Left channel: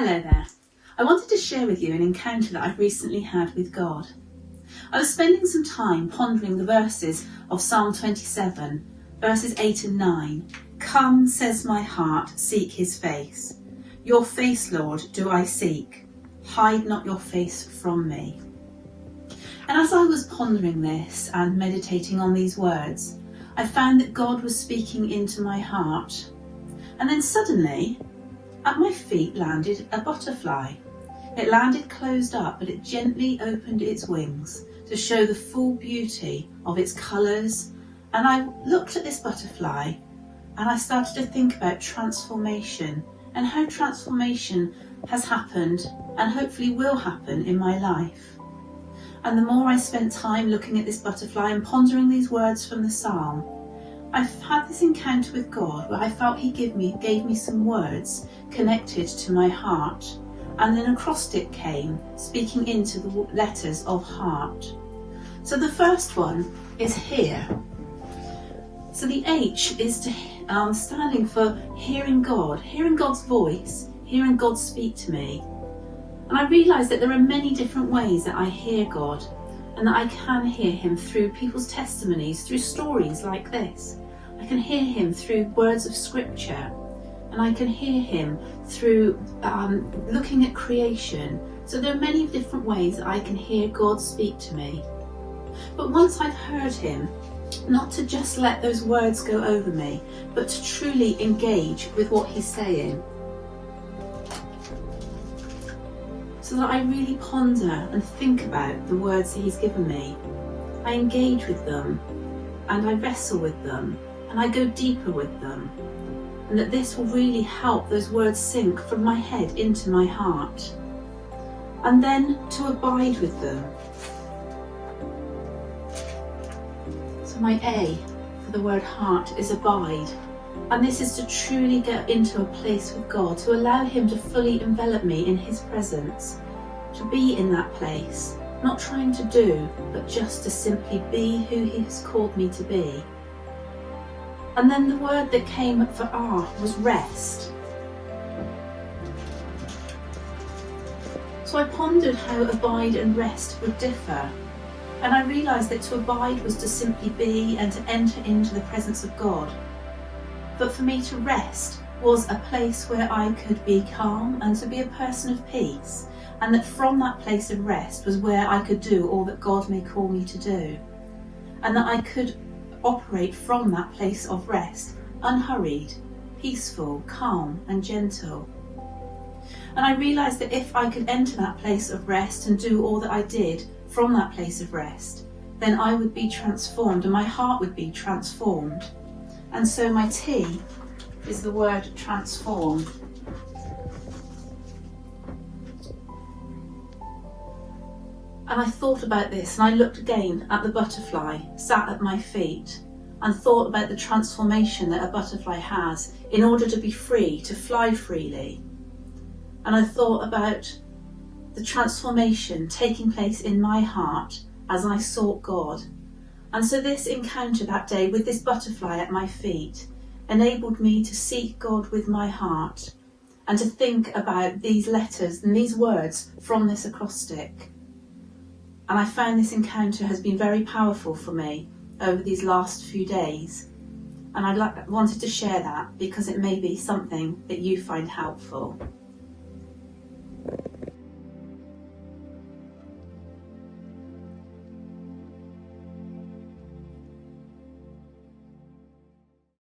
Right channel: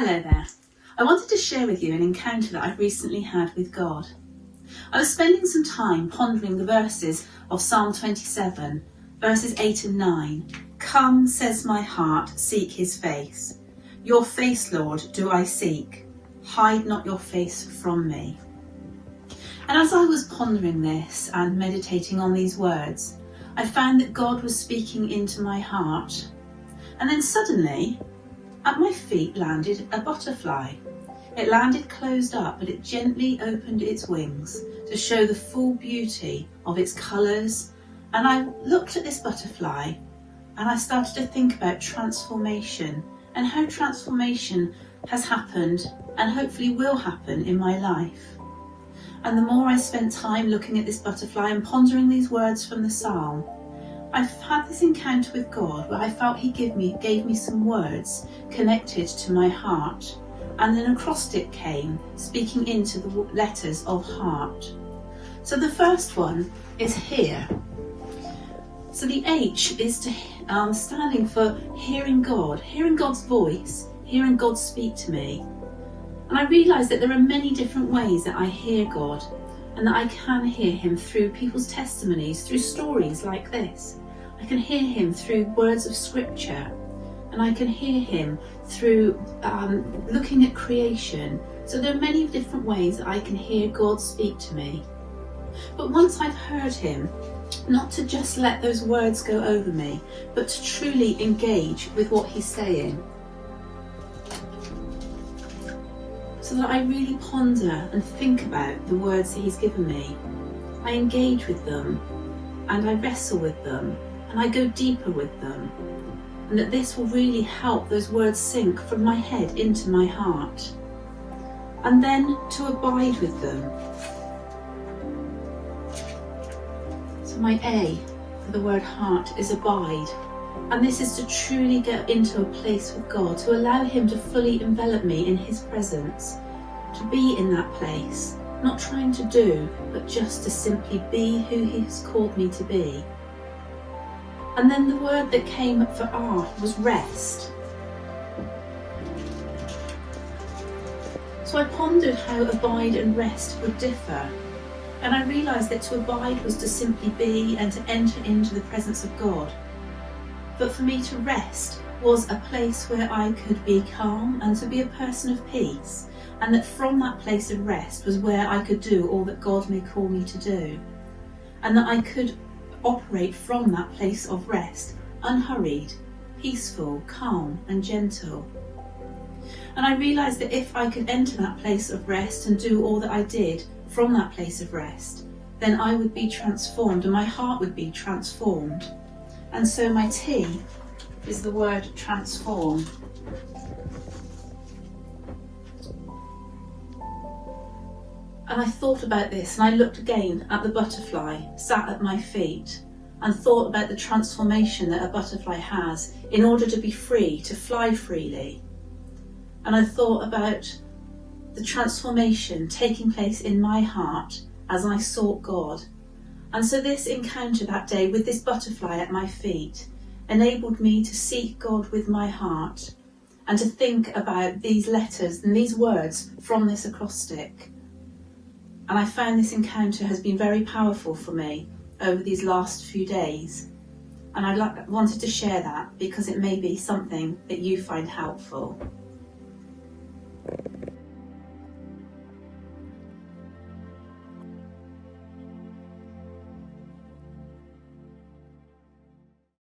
Hello there. I wanted to share with you an encounter that I've recently had with God. I was spending some time pondering the verses of Psalm 27, verses 8 and 9. Come, says my heart, seek his face. Your face, Lord, do I seek. Hide not your face from me. And as I was pondering this and meditating on these words, I found that God was speaking into my heart. And then suddenly, at my feet landed a butterfly. It landed closed up, but it gently opened its wings to show the full beauty of its colours. And I looked at this butterfly and I started to think about transformation and how transformation has happened and hopefully will happen in my life. And the more I spent time looking at this butterfly and pondering these words from the psalm, I've had this encounter with God where I felt he gave me some words connected to my heart, and an acrostic came speaking into the letters of heart. So the first one is here. So the H is standing for hearing God, hearing God's voice, hearing God speak to me. And I realised that there are many different ways that I hear God, and that I can hear him through people's testimonies, through stories like this. I can hear him through words of scripture, and I can hear him through looking at creation. So there are many different ways that I can hear God speak to me. But once I've heard him, not to just let those words go over me, but to truly engage with what he's saying. So that I really ponder and think about the words that he's given me. I engage with them, and I wrestle with them, and I go deeper with them. And that this will really help those words sink from my head into my heart. And then to abide with them. So my A for the word heart is abide. And this is to truly get into a place with God, to allow him to fully envelop me in his presence, to be in that place, not trying to do, but just to simply be who he has called me to be. And then the word that came for R was rest. So I pondered how abide and rest would differ. And I realised that to abide was to simply be and to enter into the presence of God. But for me to rest was a place where I could be calm and to be a person of peace. And that from that place of rest was where I could do all that God may call me to do. And that I could operate from that place of rest, unhurried, peaceful, calm and gentle. And I realised that if I could enter that place of rest and do all that I did from that place of rest, then I would be transformed and my heart would be transformed. And so my T is the word transform. And I thought about this, and I looked again at the butterfly sat at my feet and thought about the transformation that a butterfly has in order to be free, to fly freely. And I thought about the transformation taking place in my heart as I sought God. And so this encounter that day with this butterfly at my feet enabled me to seek God with my heart and to think about these letters and these words from this acrostic. And I found this encounter has been very powerful for me over these last few days. And I wanted to share that because it may be something that you find helpful.